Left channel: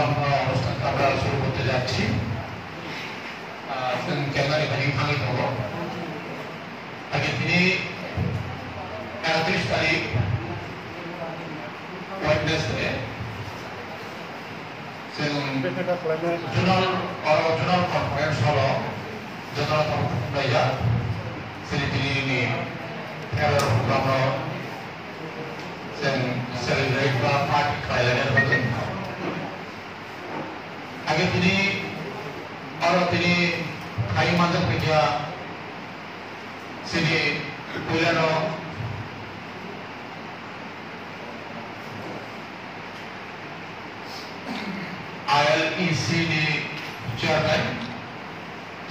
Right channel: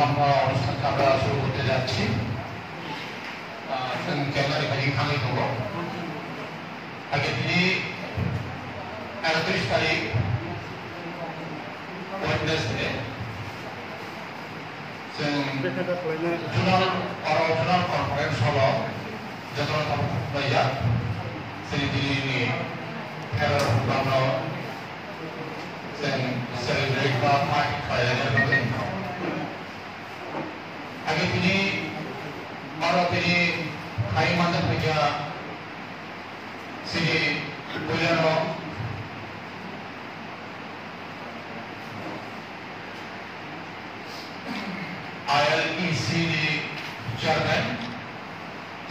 অনুষ্ঠানটা আমরা শুরু করতে যাচ্ছি। ক্যামেরা এখানে ভাঙি হব আগে তিনি 31 তারিখ ওয়েডনেসডে जुनार कॉन्फ्रेंस हलो जतरा तब खुंनाया सिरिदिनि फेयर प्रोग्राम जों सेलिब्रेट बा पार्टी खालामनाय जादों आगे তিনি हाई मानजों फैया सिनि बुलानो ILEC ni chairman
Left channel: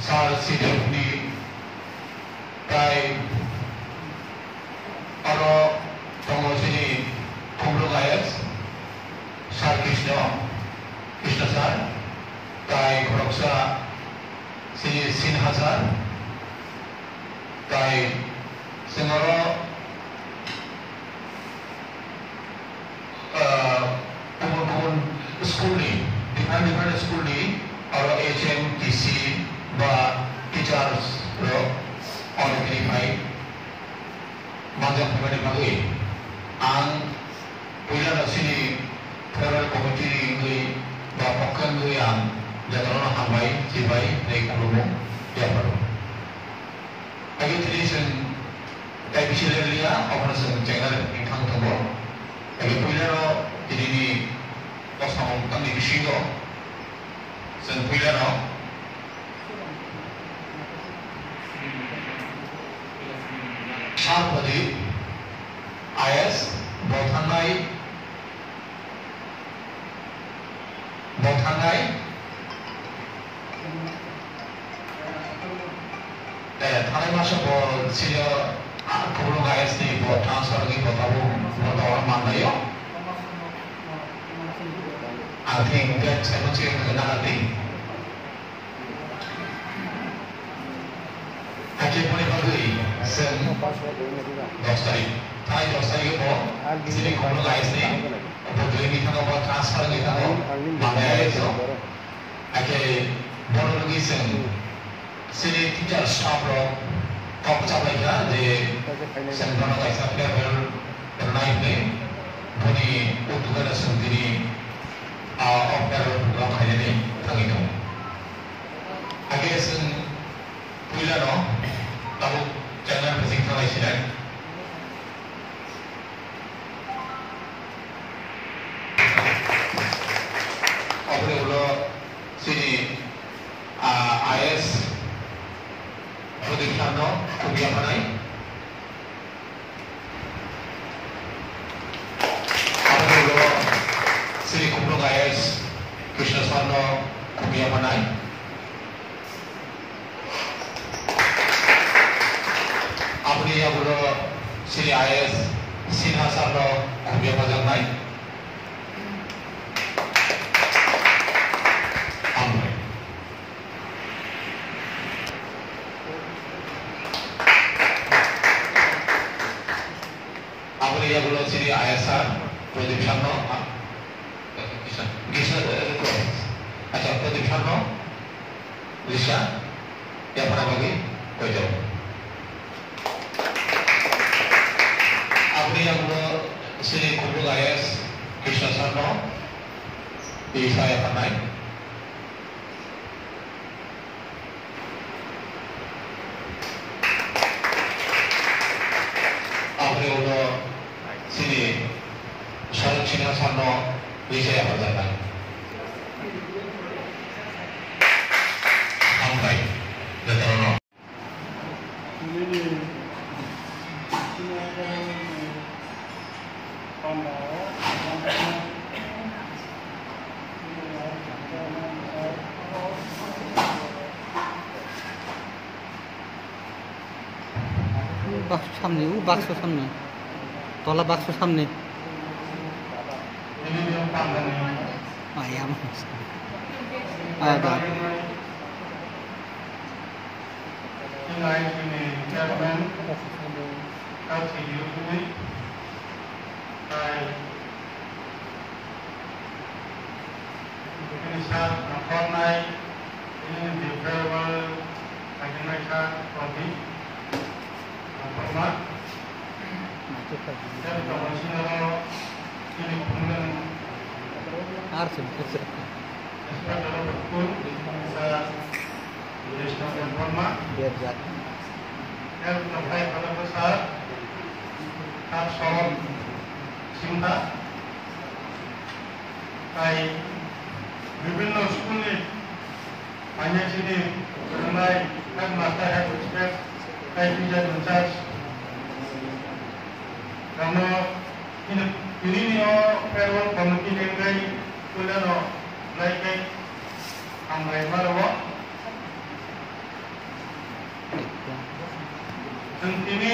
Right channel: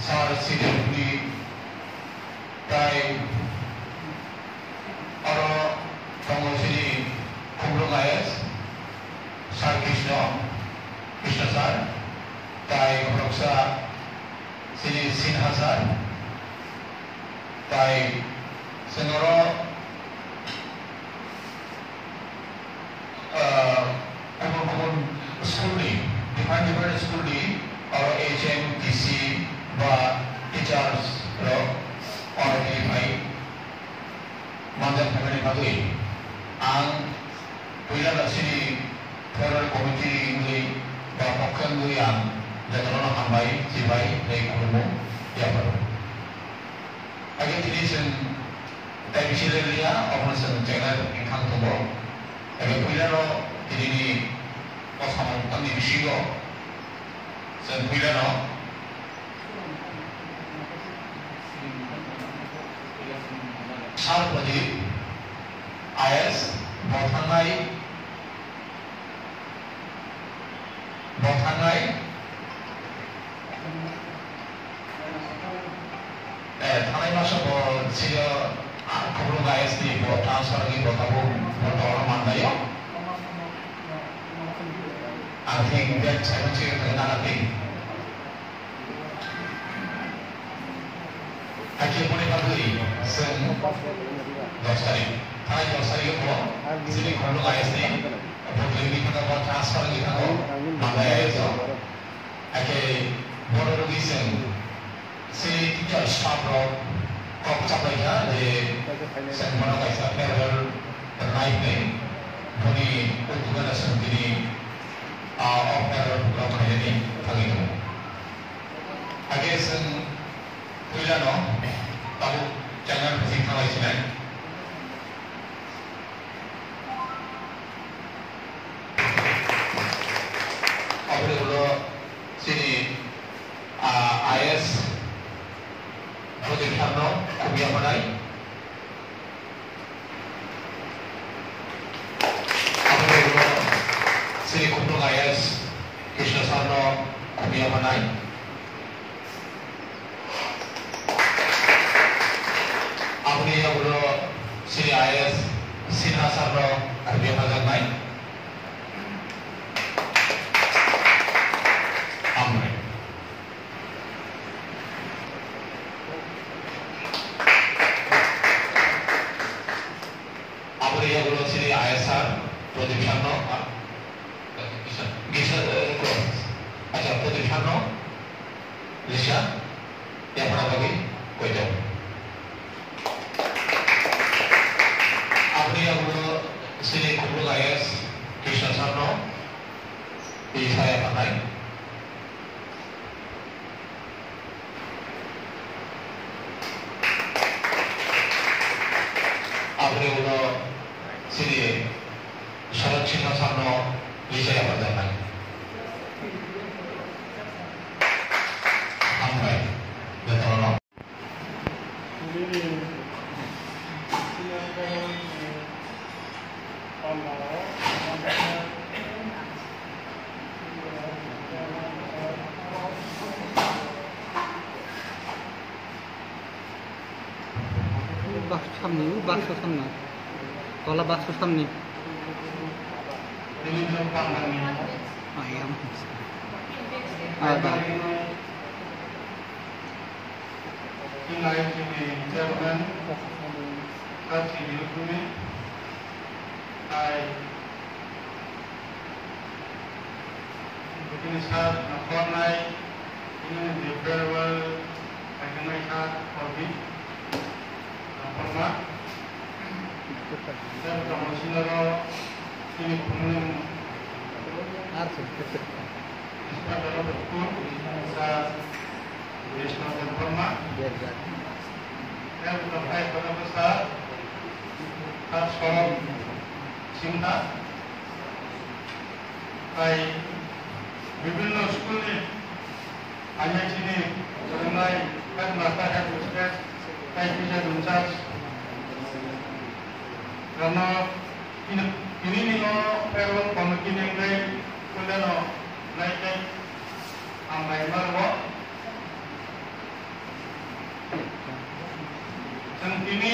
Sar Sidurni Prai Aro Tomosini Kumrung IS Sar Krishna Sar Tai Proksa Sini Sinha Sar Tai Senaro schooling different schooling or HMTC বা teachers ro or verify manjan family bagui ang puila sini federal committee ni ba pokkan ni ang jadana hambai sibai nei kurumu ya baru age tini sen tai bisilia operation channel ingkang thobo age puila ro tini ni Osama kami bisigo sen puila no Sharpadi IS Bothangai Thanai masa bo siya Kurung IS di bo transfer lagi bo tabu bo orang mana ya I think that's actually another thing. Actually, what about the sen dostari? Thai dostari ko sini kono guys ni, both ini kan apa transfer ni kan mana ya itu? Actually, bono lagi sen sini teacher staff lo top capai kan de sen mana guys apa naik ni, boni untuk ada sendiri. Program ini kami itu. Agar sen puila no, lalu jangan singkang lagi sini. Agar ulo sini IS production no kubia manai. Agar ulo sini Kumrung IS Krishna Sarno Kumia Manai Amri Aguro Sri IS Sinha Sarno Kumia Manai Amri Amri Aguro Sri ISR Production no अच्छा प्रतिष्ठान में लिशा या बड़ा बागी कोई तो अपनी अब श्री कुबुल आयस कृष्ण सानो लिशा या पनाई अपनी उलो श्री शरद चिन्ह सानो लिशा या पनाई বাক্স সামনে তলা বাক্স সামনে Inspektur Hukum Masa Wisma dan Forma yang berkait pada besar Absolom Simba baik বিভিন্ন স্কুলে hanya sini mengenai kan mata dan prospek baik bisa diucap karena ini nih kalau pemimpin yang baik sudah no baik ambai baru dan ini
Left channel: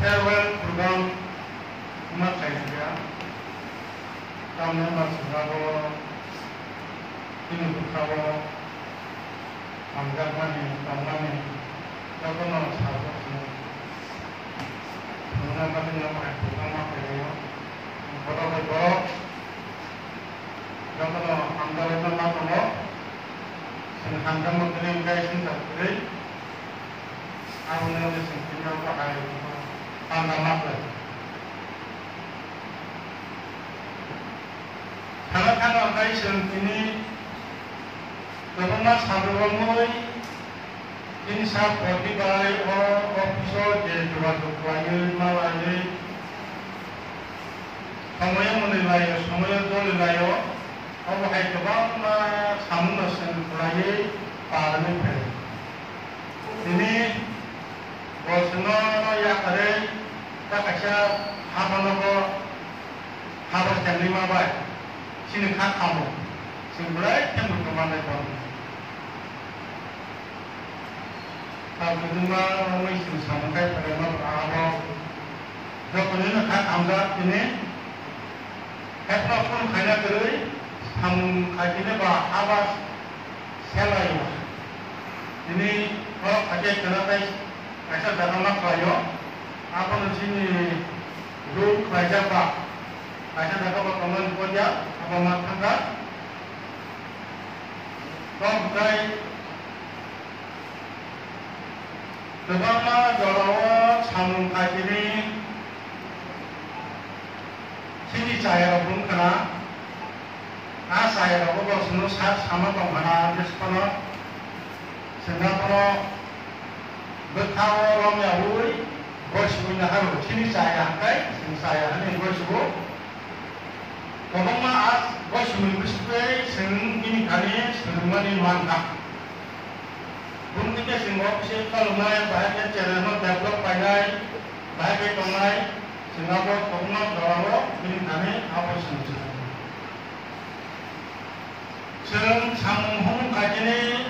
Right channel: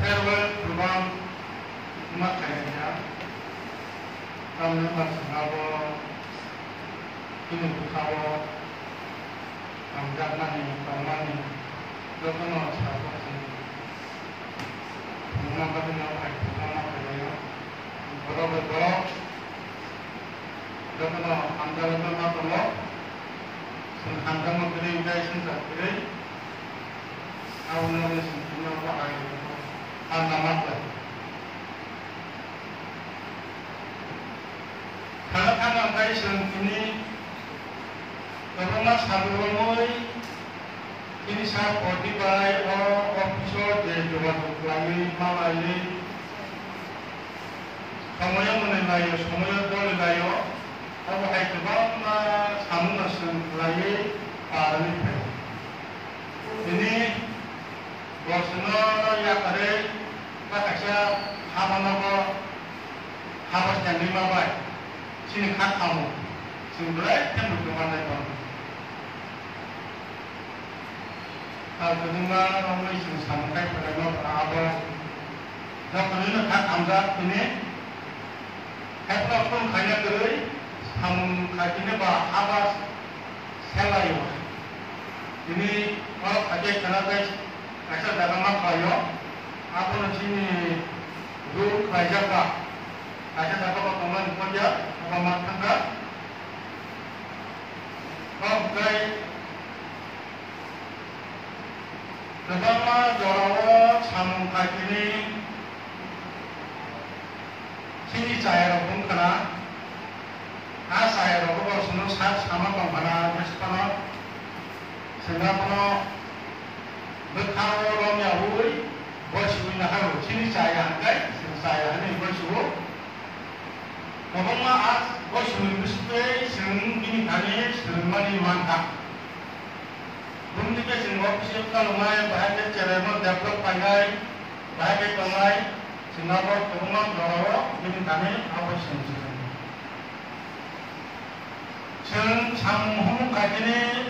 farewell program makanya kami masih baru ini berkawal anggaran yang kami lakukan satu mengapa ini mengapa ya pada beberapa lakukan anggaran yang apa sehingga mungkin guys sendiri awalnya sehingga apa air anggaran karena guys ini memang sahabat ini saya pergi by officer di luar negeri Malaysia. Semuanya menilai, semuanya menilai. Apa yang kebang sama mesin lagi parlimen. Ini bosnya ya ada kakaknya habis yang 5 baik. Sini kat kamu, sini berai yang berkembang itu. Kalau kedua kami sampai pada berapa, kalau ini kat ambat ini, apa pun kaya kiri, ham kajinya bah habis selai. Ini kalau kaji kenapa asal dalam makhluk, apa sini dulu kerja bah, asal dapat pertemuan kerja. Pemakaman, pemkai, beberapa jalawa sambung kaki sini saya pun kena, saya dapat semua sama pemakaman sekolah, sehingga kalau berkawal orang Yahudi, bersuara harus sini saya angkai, sini saya ini bersuara. Kalau maaf, bos mulai sering ini kali sering mantap. Belum juga semua bisa kalau mulai bahagia cerita develop pakai bahagia mulai sehingga bos pemenang jawab ini kami apa semua. Sering sambung kajian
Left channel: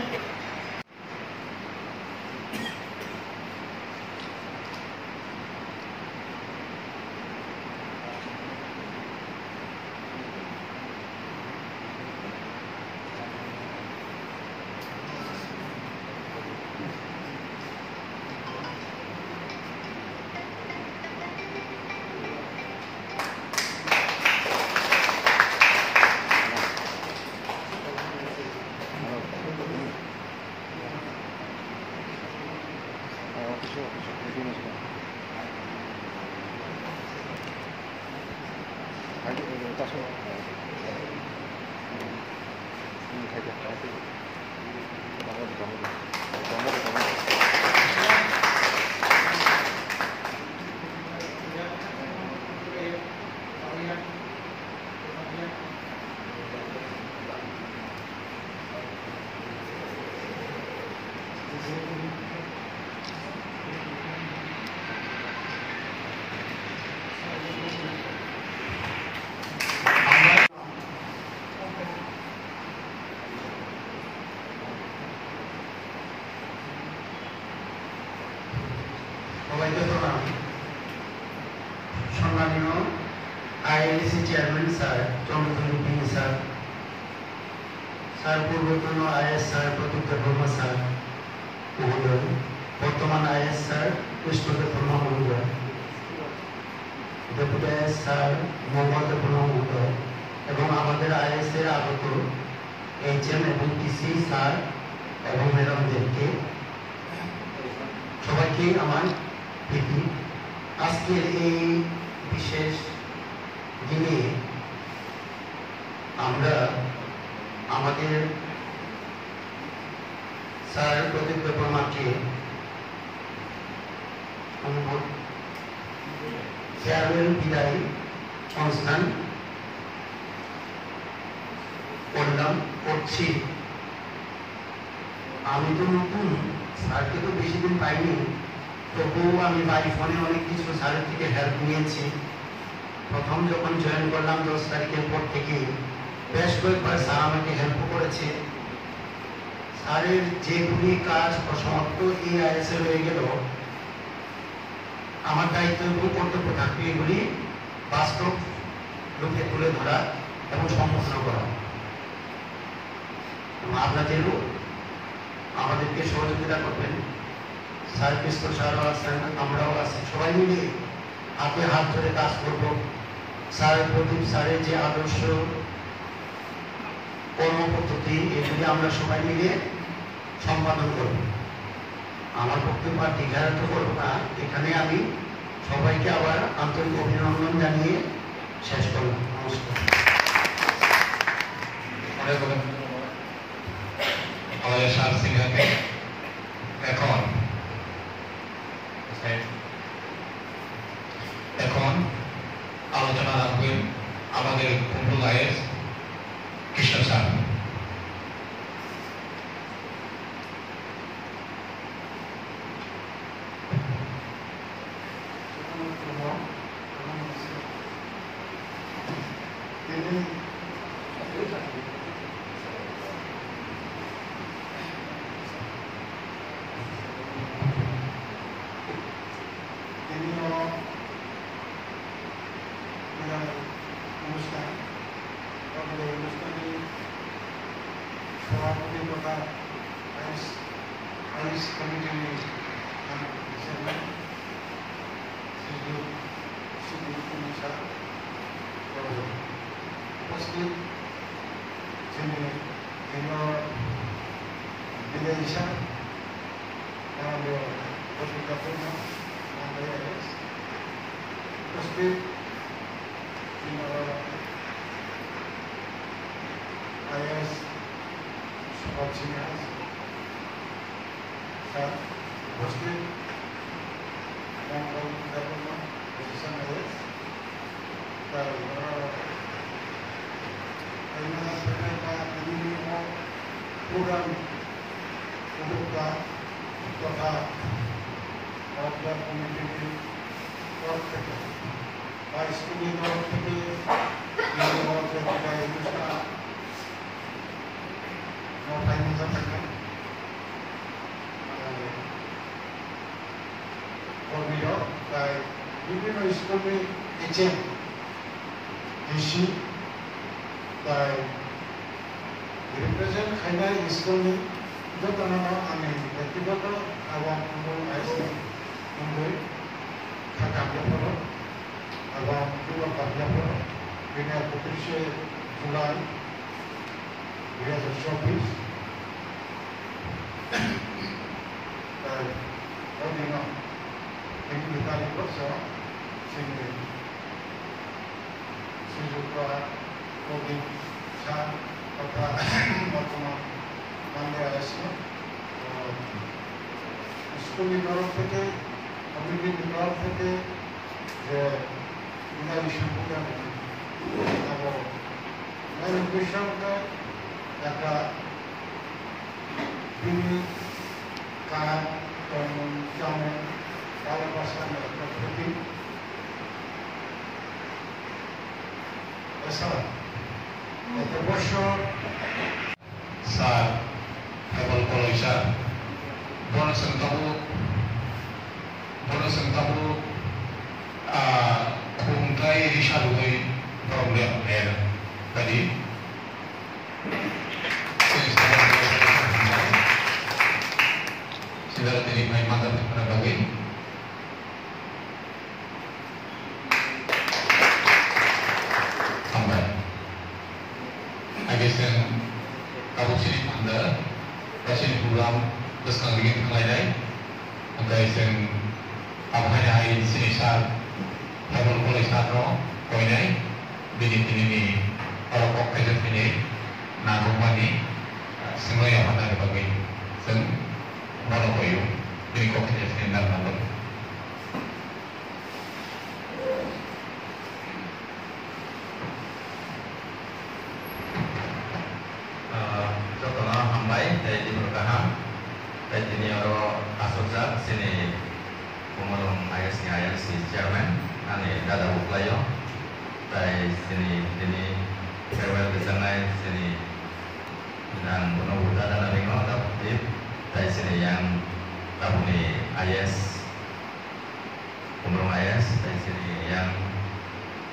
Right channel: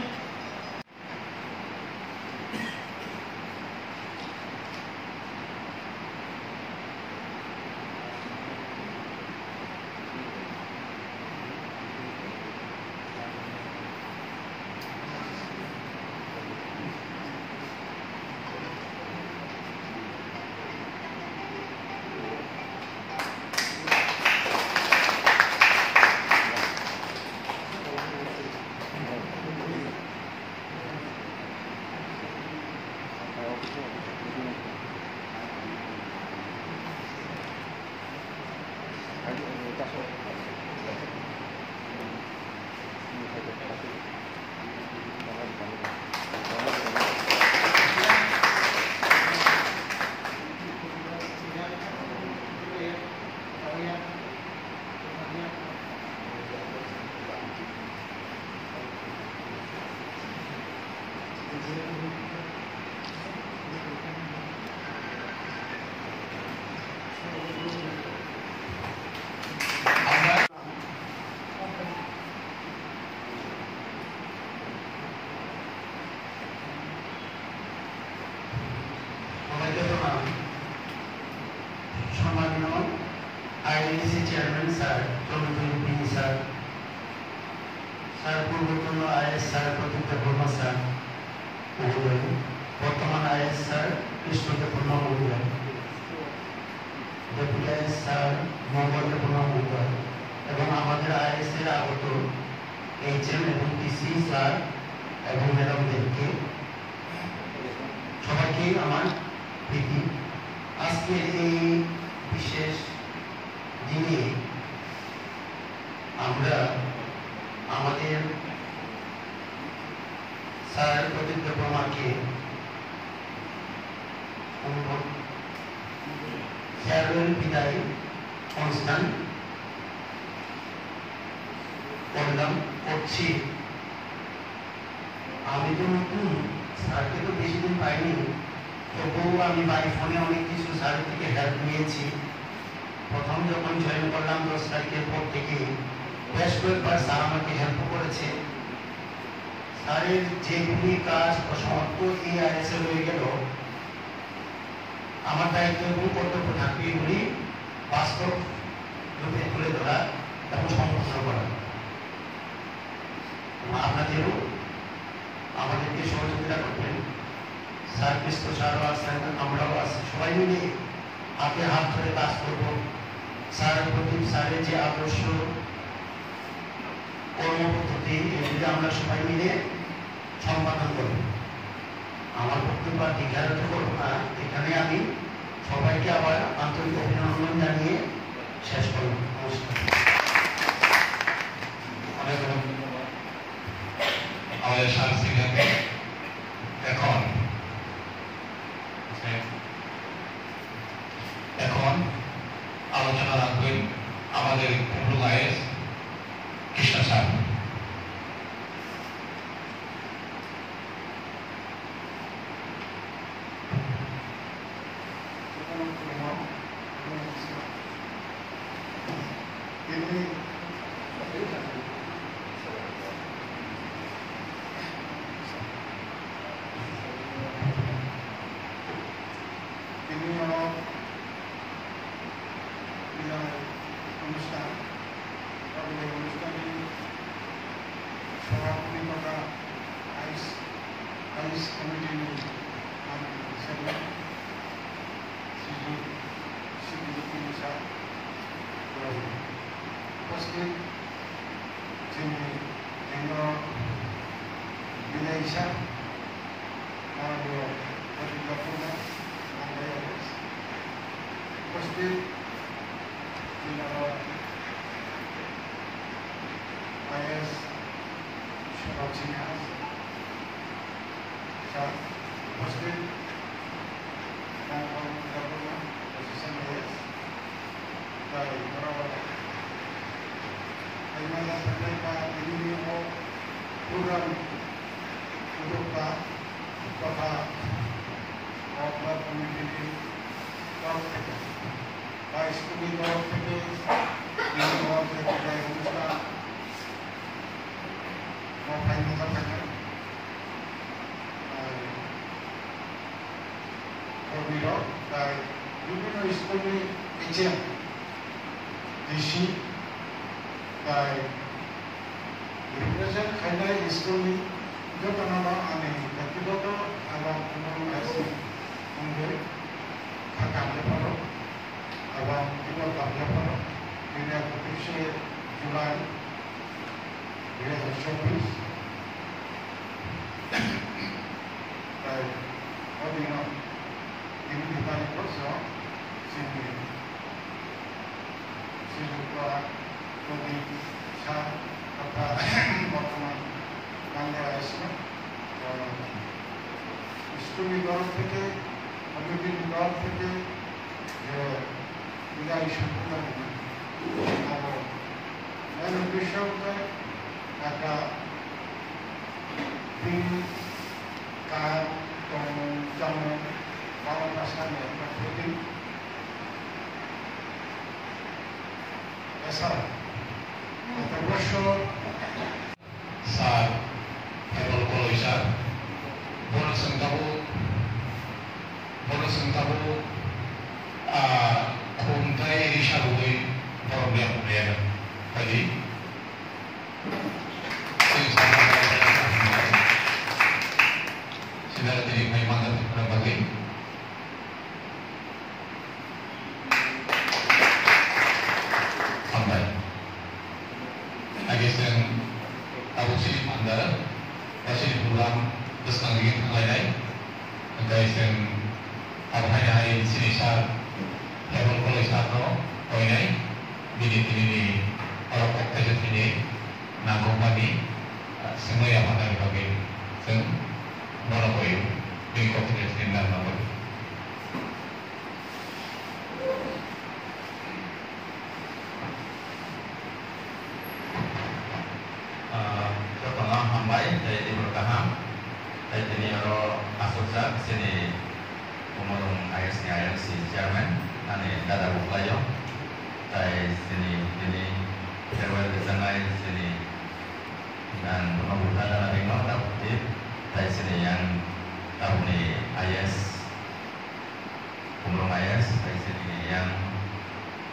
INC chairman sir চন্দ্রবিন sir sir পূর্বতন IS sir Pratik Barma sir মহোদয়, বর্তমান IS sir Krishnadev Barma মহোদয়, deputy IS sir Mohammad Barma মহোদয় এবং আমাদের is এর আগত এইচএম এবং টিসি স্যার এবং ম্যাডামদেরকে সবাইকে আমার প্রীতি। আজকের এই বিশেষ diploma-কে ফেয়ারওয়েল বিদায় অনুষ্ঠান করছি। আমি তো নতুন, স্যারকে তো বেশি দিন পাইনি, তবুও আমি বাই ফোনে অনেক কিছু স্যারের থেকে হেল্প নিয়েছি। প্রথম যখন জয়েন করলাম 10 তারিখের পর থেকে বেশ কয়েকবার স্যার আমাকে হেল্প করেছে। স্যারের যেগুলি কাজ অসমাপ্ত EIS এ রয়ে গেল, আমার দায়িত্ব এবং কর্তব্য থাকবে এগুলি বাস্তব রূপে তুলে ধরা এবং সম্পূর্ণ করা। আপনাদেরও আমাদেরকে সহযোগিতা করবেন। স্যার কৃষ্ণ স্যারও আছেন, আমরাও আছি, সবাই মিলে হাতে হাত ধরে কাজ করব। স্যারের প্রতি স্যারের যে আদর্শ কর্মপদ্ধতি, এগুলি আমরা সবাই মিলে সম্পাদন করব। আমার বক্তব্য আর দীর্ঘায়িত করব না, এখানে আমি সবাইকে আবার আন্তরিক অভিনন্দন জানিয়ে শেষ করব। নমস্কার। আমাদের সাংস্কৃতিক এখন আলোচনা রাখবেন আমাদের কুমড়ু গায়ের Krishna sir. ini kopinya sini nama. Contohnya hambai dari timur kaham, dari sini ada asosiasi sini umurung ayah si chairman, ane dada buklayo, dari sini farewell di sana sini dan menunggu dada nengok dapat dari sini yang tahu ni ayas umurung ayas dari sini yang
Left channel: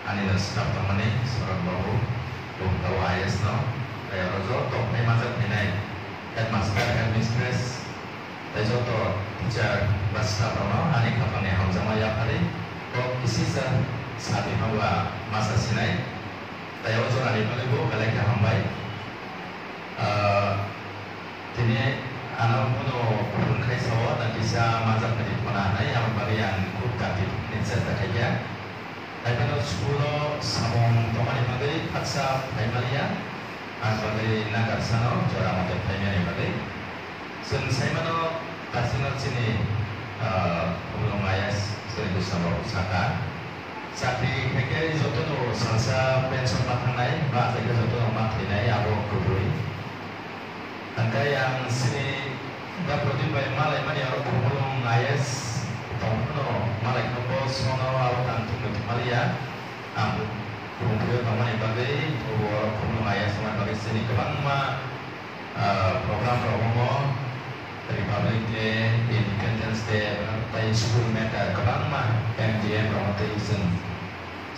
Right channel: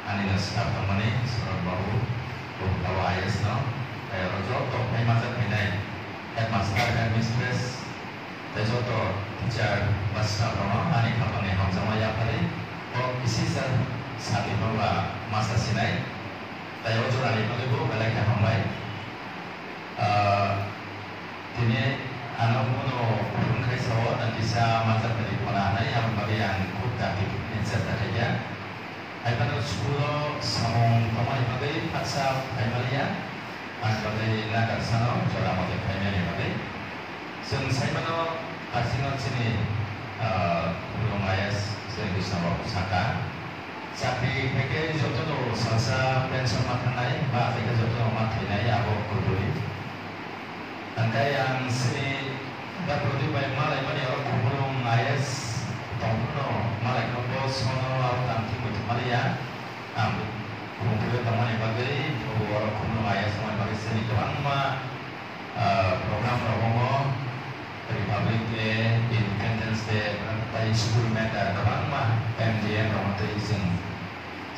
ane naskah pemani surat bahu tahu ayas no. Kaya rojo may masa pinay headmaster and mistress tayo to teacher basta no ani company hamza maya pare o isisa sabi hawa masa sinay tayo jo ani palibo balay ka hambay tini ano mono kun kay sawa na isa masa pali puna ay ang marian kutati nitsa kaya ay pano skulo samong tomani pagay paksa ay malia sebagai nagar sano jora motor primary bagi sun saya mano pasino sini belum ayas sini bisa pusaka sakti keke joto no salsa pension matanai ba keke joto no matinai abo kubui anda yang sini ba prodi ba malai mani abo belum ayas tono malai kombo sono abo tantu Maria ambu kemudian teman bagai juga penuh ayah semua bagai seni kebang program dari Republic Day, Independence Day, dari school meta kebang MDN romantism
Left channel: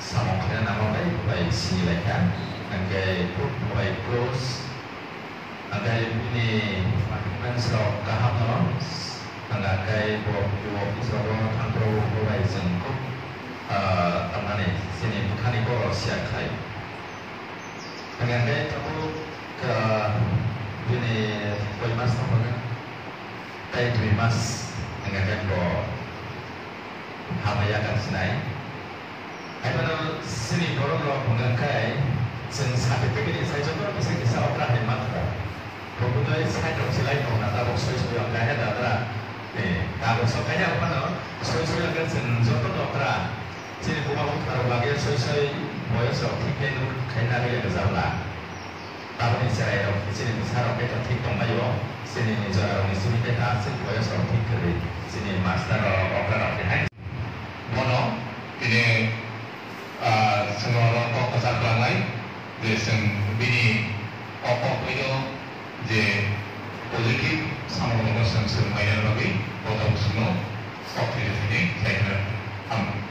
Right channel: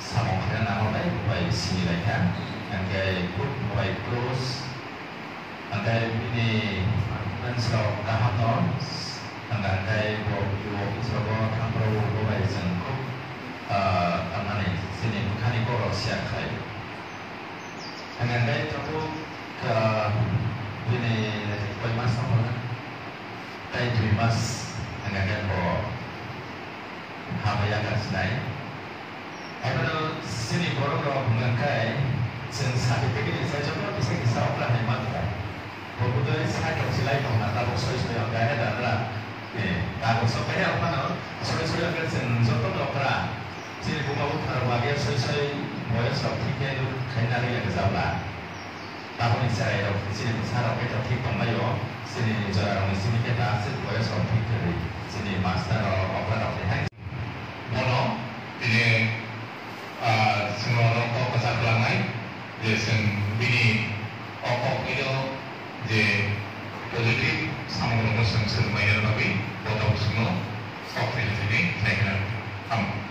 sama kita nama baik sini mereka, angkai book baik close, angkai ini makan serok kaham no, angkai buat serok kampro baik sengkup. Teman ini sini bukan itu Rusia saya. Dengan saya terus ke ini Poimas apa kan? Saya Poimas dengan kan bo Hamaya kan senai. Apa sini korang mengenai sen sertifikat saya coba bisa kisah apa hemat tak. Kemudian saya tak silai tahu nak tahu soal kaya ada. Kalau soal kaya apa no? Soal kan sen jodoh dokter. Jadi bunga utara bagi sesuai moya seperti kenu kendali yang zaula. Tahun ini saya di sini besar kita tiktok mayo sini juara di sini kita hasil moya seperti kiri sini master open of the hand. Mono ini semua orang kesatuan lain, jadi ini okok itu je positif sama dengan semua yang lebih atau semua okok ini saya kira aman.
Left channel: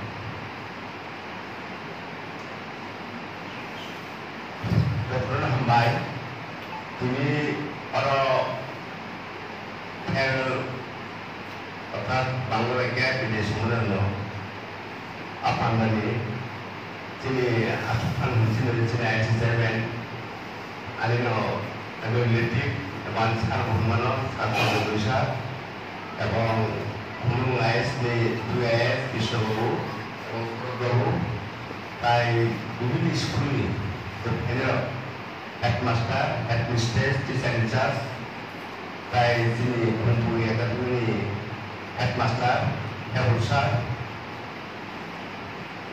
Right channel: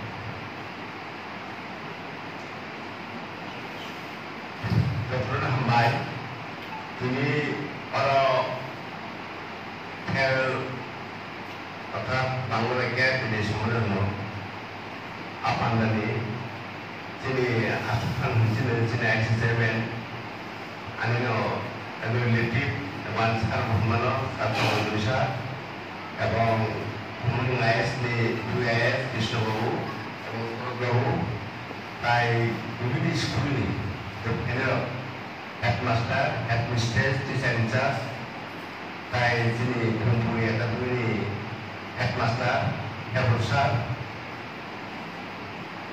Dokter hambai, ini orang apa bangladesh ini semua no, apa nanti, ini apa sini accident, ane no, relative, one sekarang mana, atau Indonesia, abang umum ayas ni dua ayat isu jauh, kai ini sekolah ni. Ini headmaster, headmistress, teacher in charge, kai sini bentuknya kata ini headmaster, headmaster,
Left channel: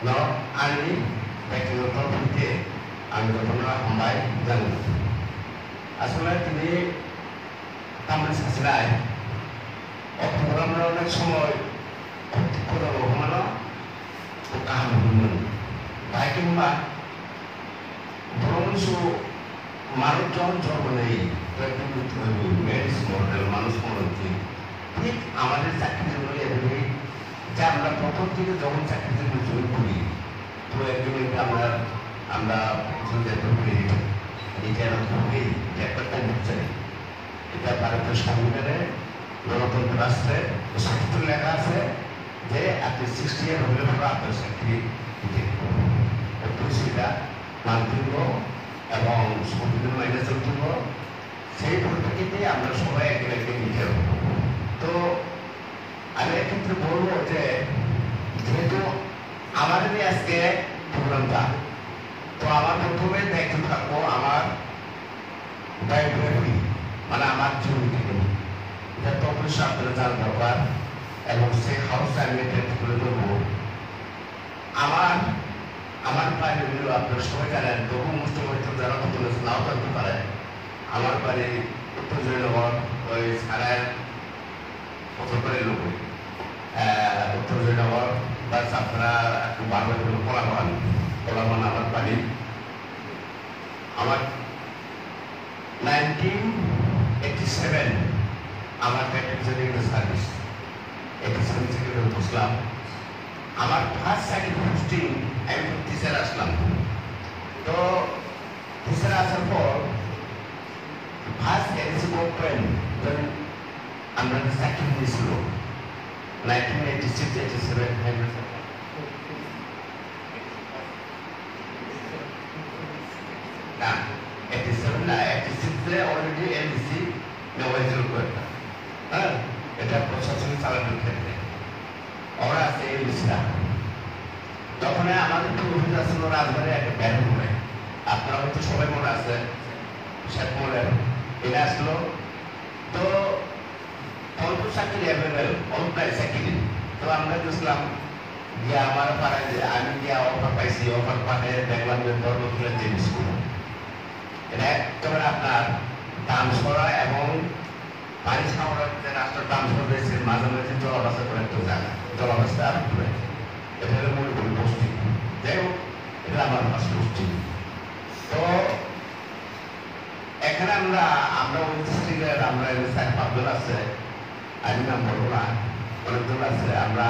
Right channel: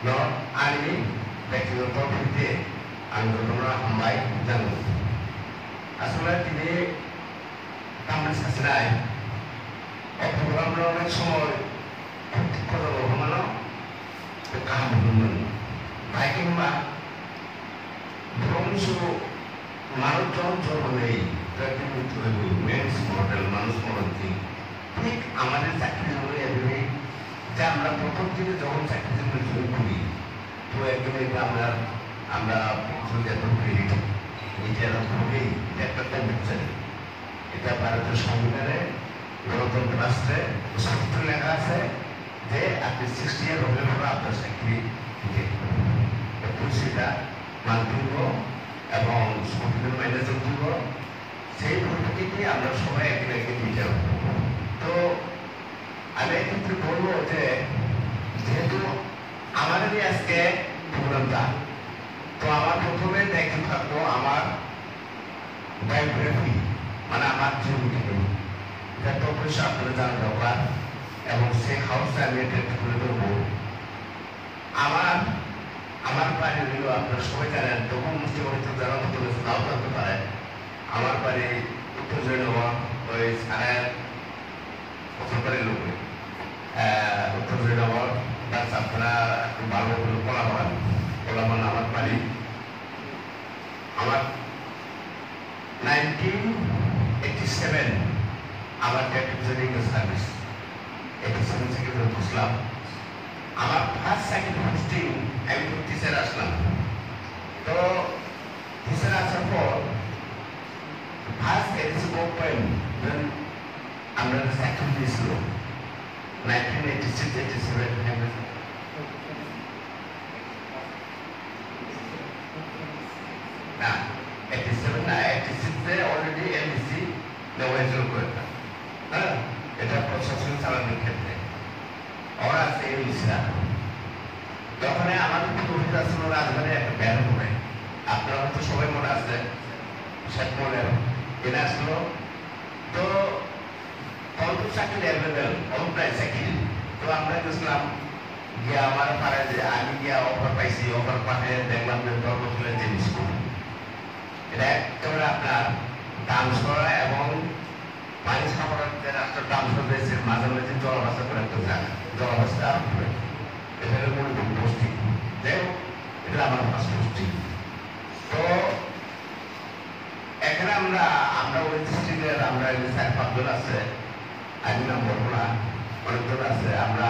no, ani background terpilih, anggota hambai jangan. Asalnya ini taman sesuai, program orang semua kurang orang kita belum, baik mbak. Bronzo Marut John tapi betul men's model manus model ঠিক আমাদের চাকরি হলে এভাবে যে আমরা প্রথম থেকে যখন চাকরিতে জয়েন করি তো একদিন আমরা চিন্তা করি এটা খুবই একটা চাই এটা ভারতের সংবিধানে গণতন্ত্র রাষ্ট্রে সত্য লেখা আছে যে আপনি 60 ইয়ার হলে আপনার চাকরি দিতে সেটা মানযোগ্য এবং সংবিধান মাইনে যোগ্য সেই পরিপ্রেক্ষিতে আমরা সবাই একদিন নিতে হবে তো আমি এক্ষেত্রে বলবো যে যেহেতু আমাদেরই আজকে প্রোগ্রামটা তো আমার প্রথমে দেখতে থাকবো আমার বায়োগ্রাফি মানে আমার জীবন এটা তো অবশ্যই আপনারা জানার ব্যাপার এবং সেই হাউসটা আমি একটু তুলে ধরবো। আমার বাড়ি হলো আপনারা সবাই জানেন, তবু মুখ্যমন্ত্রী যারা তুলেছে নাও জানতে পারে। আমার বাড়ি উত্তর জয়নগর, ওই সারায় পঁচাত্তরের লোকে উত্তর জয়নগর বাস আপনারা ভালো কোলামান আমার বাড়ি। আমার 1987 আমার ক্যাপ্টেন সার্ভিস 87 থেকে বুঝলাম। আমার ফার্স্ট সাইকেল পোস্টিং আমি টিচার আসলাম। তো টিচার আসার পর ফার্স্ট এলসি ওপেন আমরা সাইকেল দিয়েছিল 1986-87 না 87 না 86 অলরেডি এলসি নেওয়া হয়েছিল। হ্যাঁ, এটা প্রশাসন চালানোর ক্ষেত্রে ওরা আছে এলসিরা। তখন আমাদের তো অভিযোগ ছিল রাজবাড়ি একটা ব্যারন হয়, আপনারা তো সবাই মনে আছে শেখ মোড়ের এরা আসলো। তো অল্প চাকরি অ্যাভেলেবেল, অল্পটাই চাকরি। তো আমরা গেছিলাম গিয়ে আমার পাড়ায় যে আমি গিয়া অফার পাইছি, অফার পাঠিয়ে দেখলাম যে ধর্মতুলের যে স্কুল এটা একেবারে আপনার দাম সরা এবং পানি সামরার যে রাষ্ট্রের দাম সর রয়েছে মাঝামাঝি জলাবস্থা করে একটা জায়গা, জলাবস্থা এটা হলো মূল পোস্টিং। যাই হোক, এটা আমার ফার্স্ট পোস্টিং। তো এখানে আমরা ওই ডিস্ট্রিক্টের আমরা 4-5 জন আছে, আমি নাম বলবো না, অনেকজন আছে। আমরা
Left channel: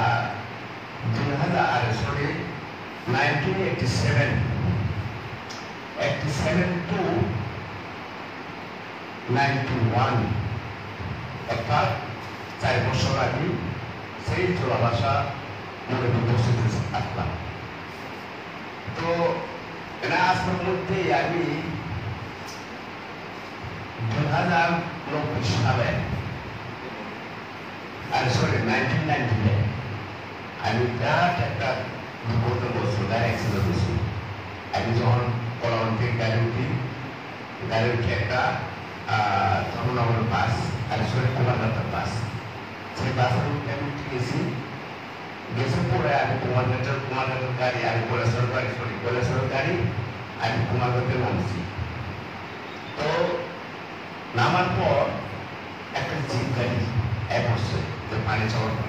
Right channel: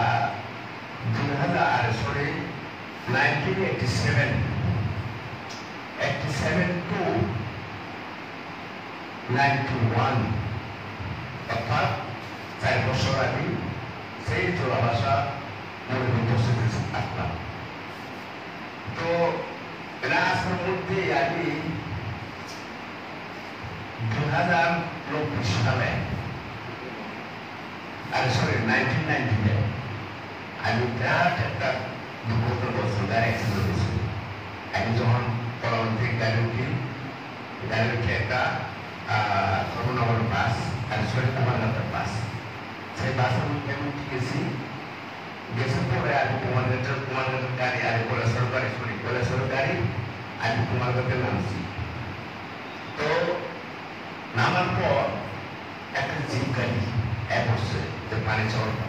1987 to 91 অর্থাৎ 4 বছর আগে সেই জলাভাষা মনে উপস্থিত আসলাম। তো এরা আসার মধ্যে আমি 2029 সালে 1990 আমি বিরাট একটা দুর্ঘটনা বলছি, অ্যাক্সিডেন্ট হয়েছিল। আমি যখন কলম থেকে গাড়ি উঠি একটা তখন আমার বাস কুমারঘাটের বাস, সেই বাসে আমি উঠে গেছি পরে আমি কুমারঘাটের গাড়ি, আমি কৈলাসর গাড়ি আমি কুমারঘাটে নামছি। তো নামার পর একটা জিপ গাড়ি পড়ছে যে পানি চড়বে।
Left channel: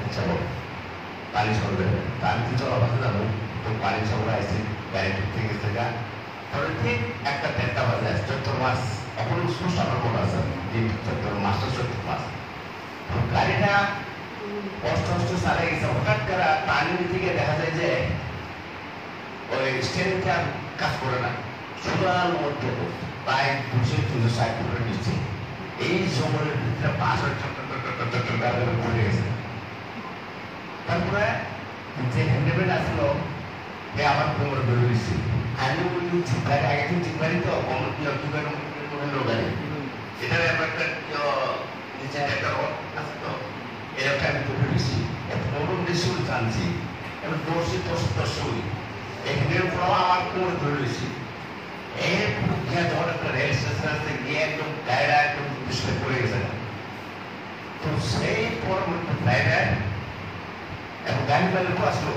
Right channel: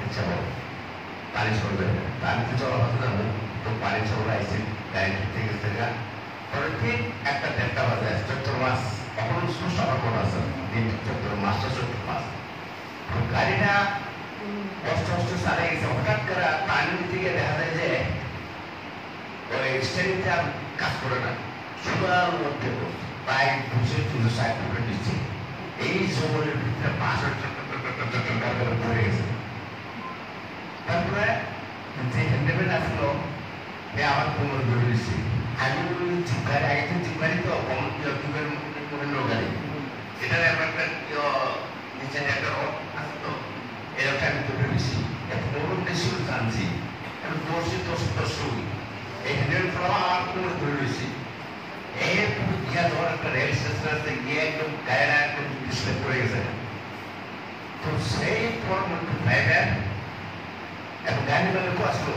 আমি তো চড়াবাসে যাবো, তো পানি চড়ে আসছি, গাড়ি ঢুকতে গেছে গা। পরে ঠিক একটা 1:30 বাজে চৈত্র মাস, এখন সকাল করে আছে চৈত্র মাসের চৈত্র মাস। গাড়িটা অষ্ট সালে গেছে, হঠাৎ করে পানি দিকে দেখা যায় যে ওই স্টেরিংটা কাজ করে না, সুদার মধ্যে প্রায় 200-360 করে দিচ্ছে। এই জঙ্গলের ভিতরে বাসের পড়ে গেছে। তারপরে যে হ্যান্ডেমেন্ট আসলো আমার কোমর ধরে দিচ্ছে। আমি জিপগাড়ি আগে তো জিপগাড়ি তো অন্য গাড়ি, এটা একটা নিচে একটা আছে তো এরকম আমি ধরে দিচ্ছি। নতুন বেশি জানছি আমি দর্শি এই হ্যান্ডেল ফ্রম আমার কোমর ধরে দিচ্ছি। এই গিয়া যখন একটা রেল স্টেশন আছে গিয়ে একদম গাড়িটা একদম পিছনে পড়ে গেছে। তো সেই পরবর্তী ড্রাইভার এবং গাড়ি মালিক আসলো,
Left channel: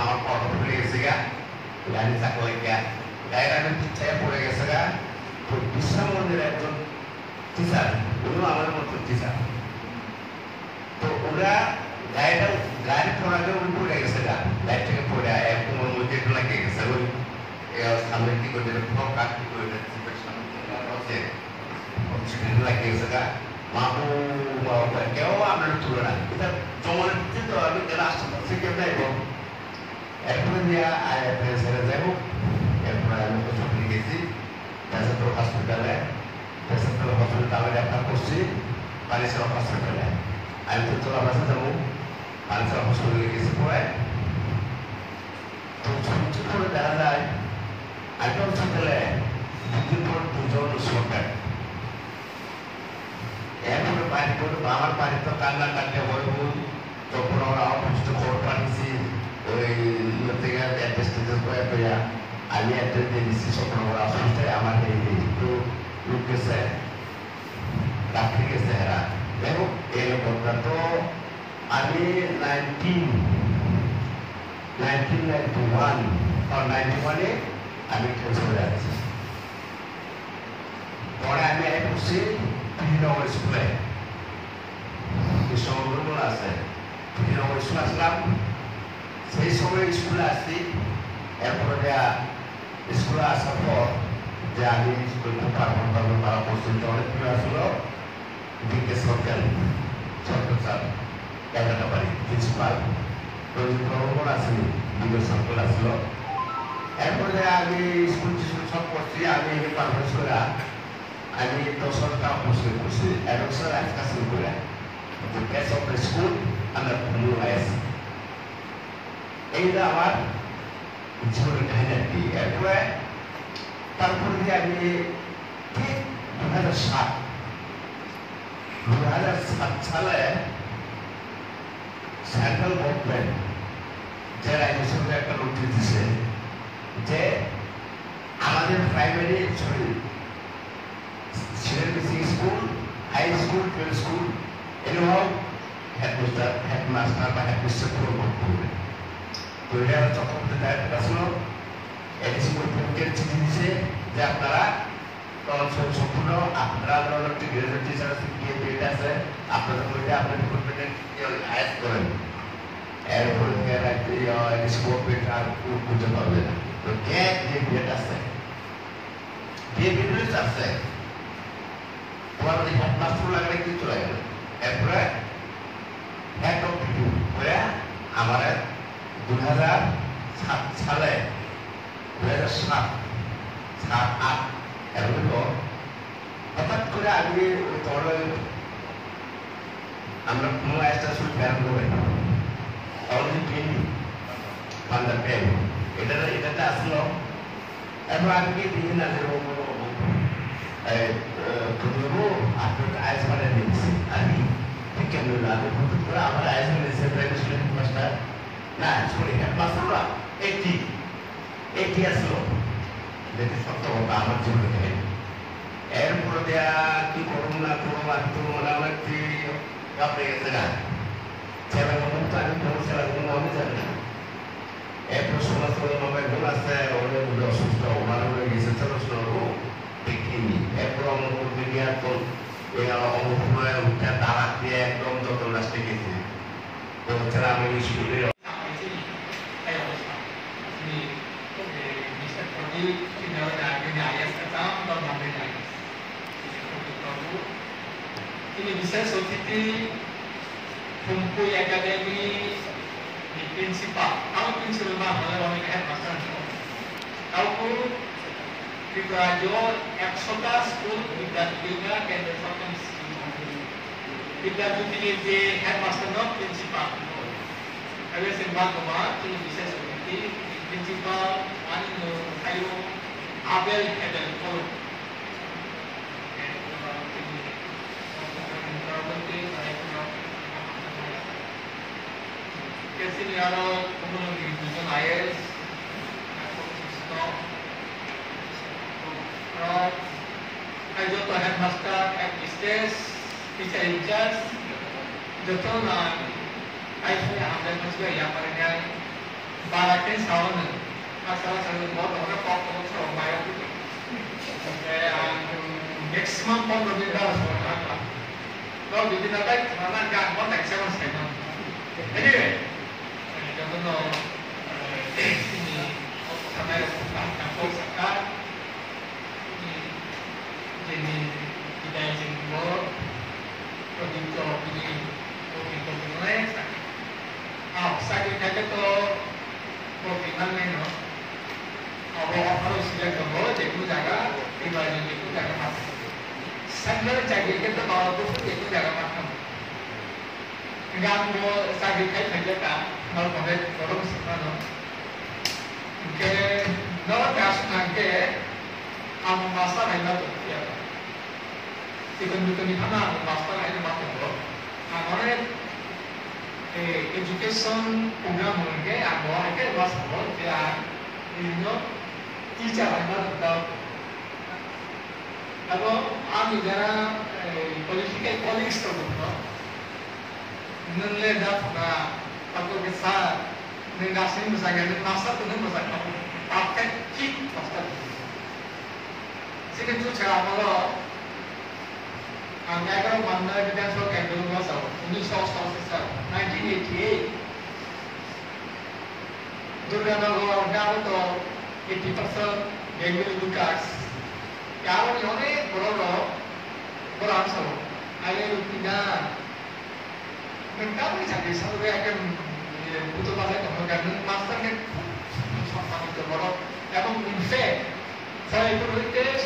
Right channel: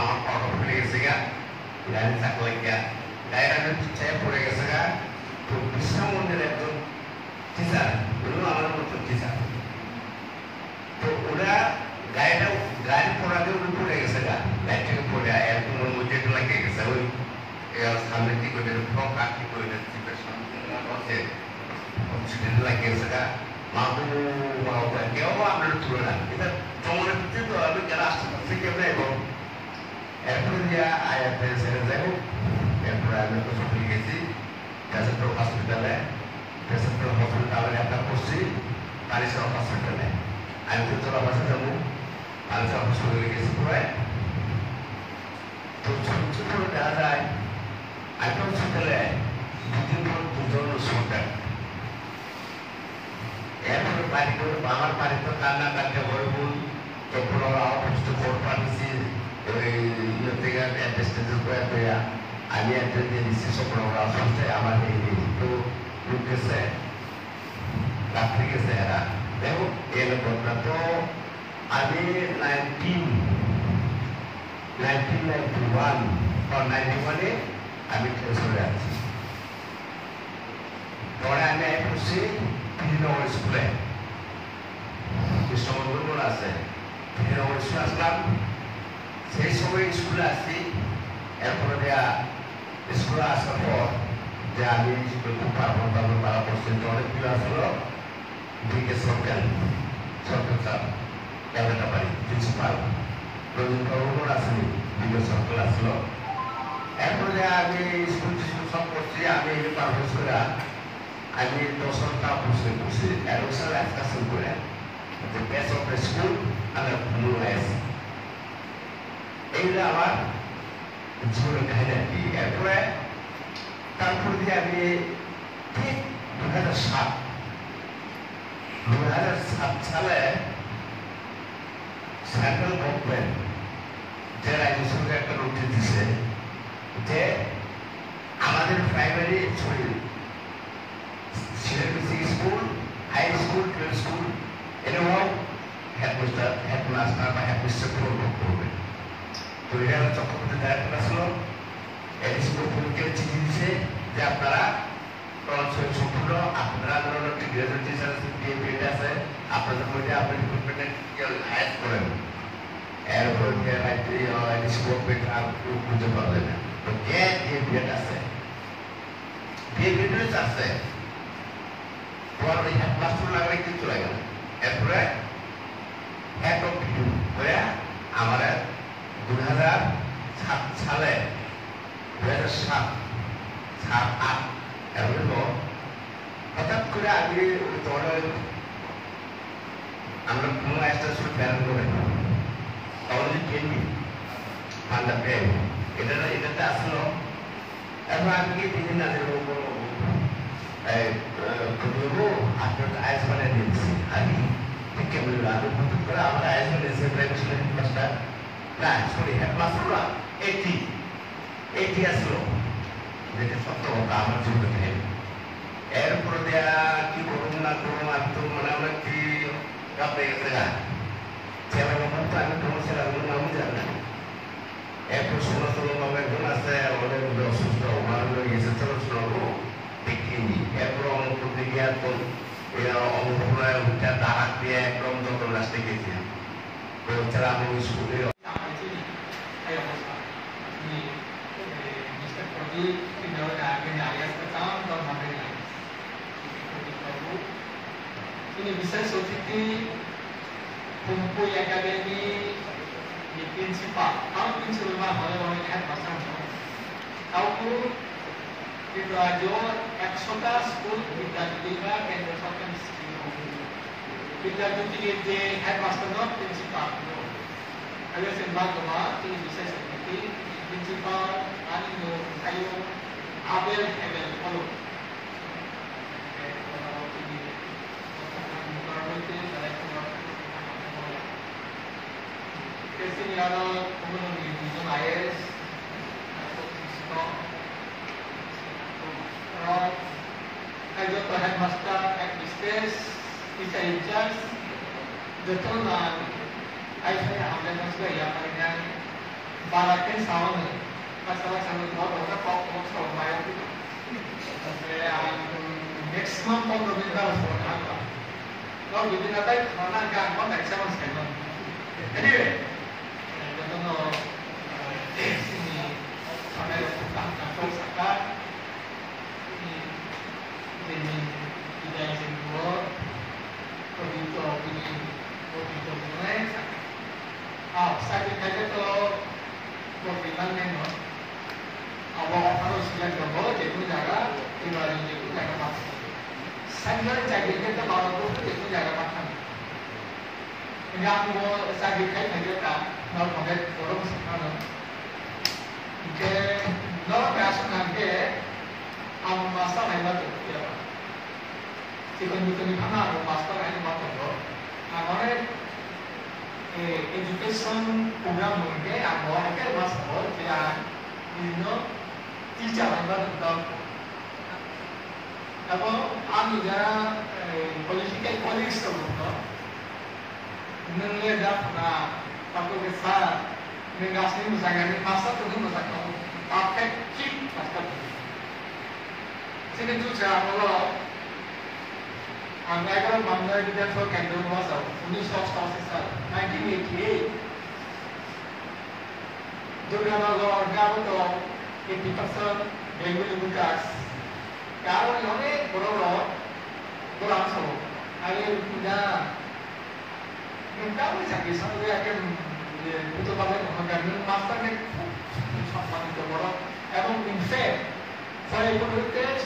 আমার কথা পড়ে গেছে গা, গাড়ি চাকলে গিয়া গাড়িটা পিছিয়ে পড়ে গেছে গা। তো বিশ্রাম মন্দির একজন টিচার, ওগুলো আমার মতো টিচার। তো ওরা গাড়ি পড়াকে পড়ে গেছে গা, গাড়ি থেকে পড়ে একদম মন্দির লাগিয়ে গেছে। ওই সামনে কি করে কাঠ কি করে লাগিয়ে গেছে গা। কেউ আপনার তুলে না, এটা জমানের ভিতরে তো আমি কেন আসতে পারছি কেউ নাই। এরপরে দিয়া যাই হোক, এরপরে আমি হসপিটালে গেছি, হসপিটালে একটা করছি পানিসার হসপিটালে। আমি তো চলা বাসা যাবো, পানিসার হসপিটালে গেছি। পরে তো ছোট করে দেখা যায় একটা হসপিটালে 2 দিন পর 2 জন সরকার এরপরে বাড়ি করে আমার বাড়ি তো কান্না কাটতে হয়ে বল। তখন ওরা অফিস কোর্ট পাঠিয়েছি, ওই ইয়ে থেকে আমি অ্যাড্রেস দিয়ে দিচ্ছি। তখন ওরা আসতে আমার এই তো লোক গেছে, ডাক্তার গেছে এরা। দেখো এরকম না। তো আমি 1991 আমি চলে আসছি। পরে আমি এসেছি কৃষ্ণনগর স্কুলে, কৃষ্ণনগর আছে, কৃষ্ণনগর স্কুলে আসলাম। সেই সময় স্কুলে আসছি। এরপরে স্কুলে আসার পর যে আমি তারা পর্যন্ত অনেক প্রিয় আসলো দিকে সরকার স্যার ক্যামেরা বাড়ি প্রিন্সিপাল প্রবণ আসেনি, দিকে সরকার আসলো। এরপরে আমি স্কুল সব করছি। আমি পারফরমেন্স করে আমি 10 টাকা করছি অ্যাডমিশন আজকে শুরু করে the best of the school and the new as এইটা আমার জীবনের কাহিনী আর কি। এরপরে তারপর দিয়ে আমি ঠিক 2007 সালে সেন্ট্রাল গভর্নমেন্ট যে রাজ্যসভাকে একটা নোটিশ দিছে যে আমাদের প্রাইমারি সিলেবাসি school, high school, middle school এগুলো হেডমাস্টার বা হেডমিস্টার প্রয়োগ করবে। তো এটা চক্রবর্তী ডাইরেক্টর আসলো, এডিসি গভর্নমেন্টকে চিঠি দিচ্ছে যে আপনারা সম্পূর্ণ আপনারা একটি গ্রাজুয়েট টিচার আছে, আপনাদের মধ্যে আপনার ডিপার্টমেন্টের হায়ার করেন। এরপর এডিসি গভর্নমেন্ট আর খুঁজে পাবেন। তো কে বিএড আছে, বিএড আছে, তোমার হেডমাস্টার লাগলে কিছু চলে গেল। এরপরে আমার 2007 সালে 2007-8 এরপর হঠাৎ করে আমি আমরা কোনো একটা শুধু প্ল্যান করে অলরেডি ট্রেনিং পান্ডা পেন এটাতে আসলো। এরপর আমি দিন আছে আপনার আইস বানিয়ে দিচ্ছি। আমি কেমন লাগে করে আমার আইস বানিয়েছে মাস্টার না সরি হেডমাস্টাররা 80 আসলো, যেটা সত্য কথা আমার জীবনে। এরপরে দেয়া কি করুন না করুন আর করুন আমরা কি বাপে গেছে না ছেলেগুলো মুক্ত আমি কোনো ছেলেগুলো নামও জানি না। একটু ষোলো নম্বর গুণ আছে, ওদের অসুস্থ ওনার গেছে ছেলে শোনাবো দেখিনি। এরপর অনুভূতি গিয়ে একদম অনুভূতি উঠে তারা দিয়ে একদম যত লাস্টে গেছে। তো ছেলে আমি স্কুলে ini bisa seperti kumpul akademi di prinsipal. Kalau prinsipal mana orang yang headmaster, kalau kita ajar eksoka school kita juga kena sokan kita juga di headmaster no prinsipal. Kalau sembah kemar ini bisa seperti prinsipal anu ayo abel abel kalau Senior Community Division IS Ayo Headmaster at Mistress Teacher in Charge Betul Ayo saya ambil juga yang pada barakin sound masalah saya buat orang kau coba bayar tu maximum pemberbeda semua kalau jadi nanti mana kan mana excellence kan anyway Contohnya, sini kamera foto sekat ini kita yang simbol produk ini saya kata kalau bagaimana no awal harus lihat dulu itu jaga ibadah itu jaga makan saya jaga kita bawa itu jaga makan enggak mau saya aja kan kalau pakai orang sekarang, kita kalau gas nanti, am master hebat tu, ya. Jika bukan mana am master itu macam apa? Amare education program mungkin agak agak master, dia ini teacher hebat tu. Apa? Am jaga political politics tu, nâng lên ra là aku bisa mengasih misalnya masa tu nâng masa kau pakai kit masa tu. Sini tu cara malah Ang kalau mana kita so kandung masa 1988 Durganagar Gavato 80% Bengal Lucas Kalau ni orang berapa berapa so ayat kita mereka ni cakap satu dia akan butuh balik kemudian master ni sampai ke berapa. Yang in fact saya ikut